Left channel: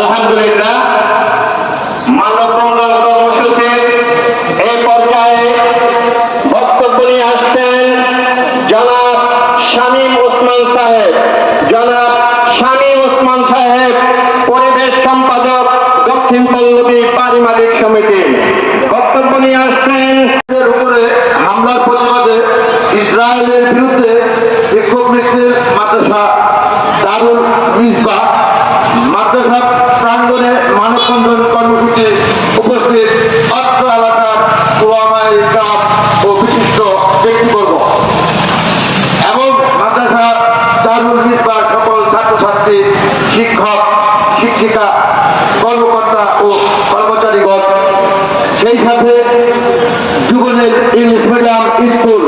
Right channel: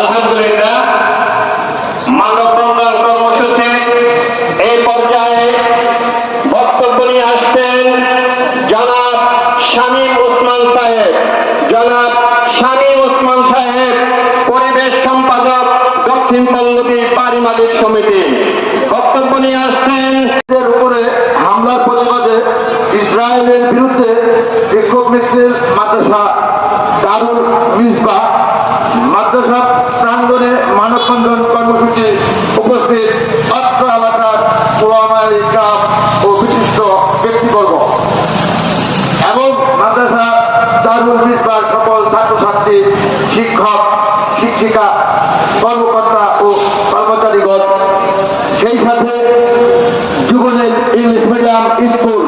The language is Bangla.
আলহামদুলিল্লাহ, মানববন্ধন কর্মসূচি এই পর্যায়ে বক্তব্য নিয়ে আসছেন জনাব শামীম ওসমান সাহেব। জনাব শামীম ওসমান সাহেব, পরিবেশ সম্পাদক, দক্ষিণ পল্লবী বাড়ি মালিক সমিতি, বক্তব্য নিয়ে আসছেন। উপরে হামলার প্রতিবাদে ইসরায়েলের বিরুদ্ধে বিক্ষোভ মিছিল মাদ্রাসা দারুল মিসবাহ মাদ্রাসা প্রাঙ্গণে মানববন্ধন কর্মসূচি উপস্থিত অত্র এলাকার ওলামায়ে ইকরাম ও বিশিষ্ট ব্যক্তিবর্গ এবং মাদ্রাসা দারুল মিসবাহ সকল ছাত্রছাত্রী, শিক্ষক, শিক্ষিকা, কর্মকর্তা ও কর্মচারীগণ, সেই সাথে যুবলীগ ইংলিশ মিডিয়াম স্কুল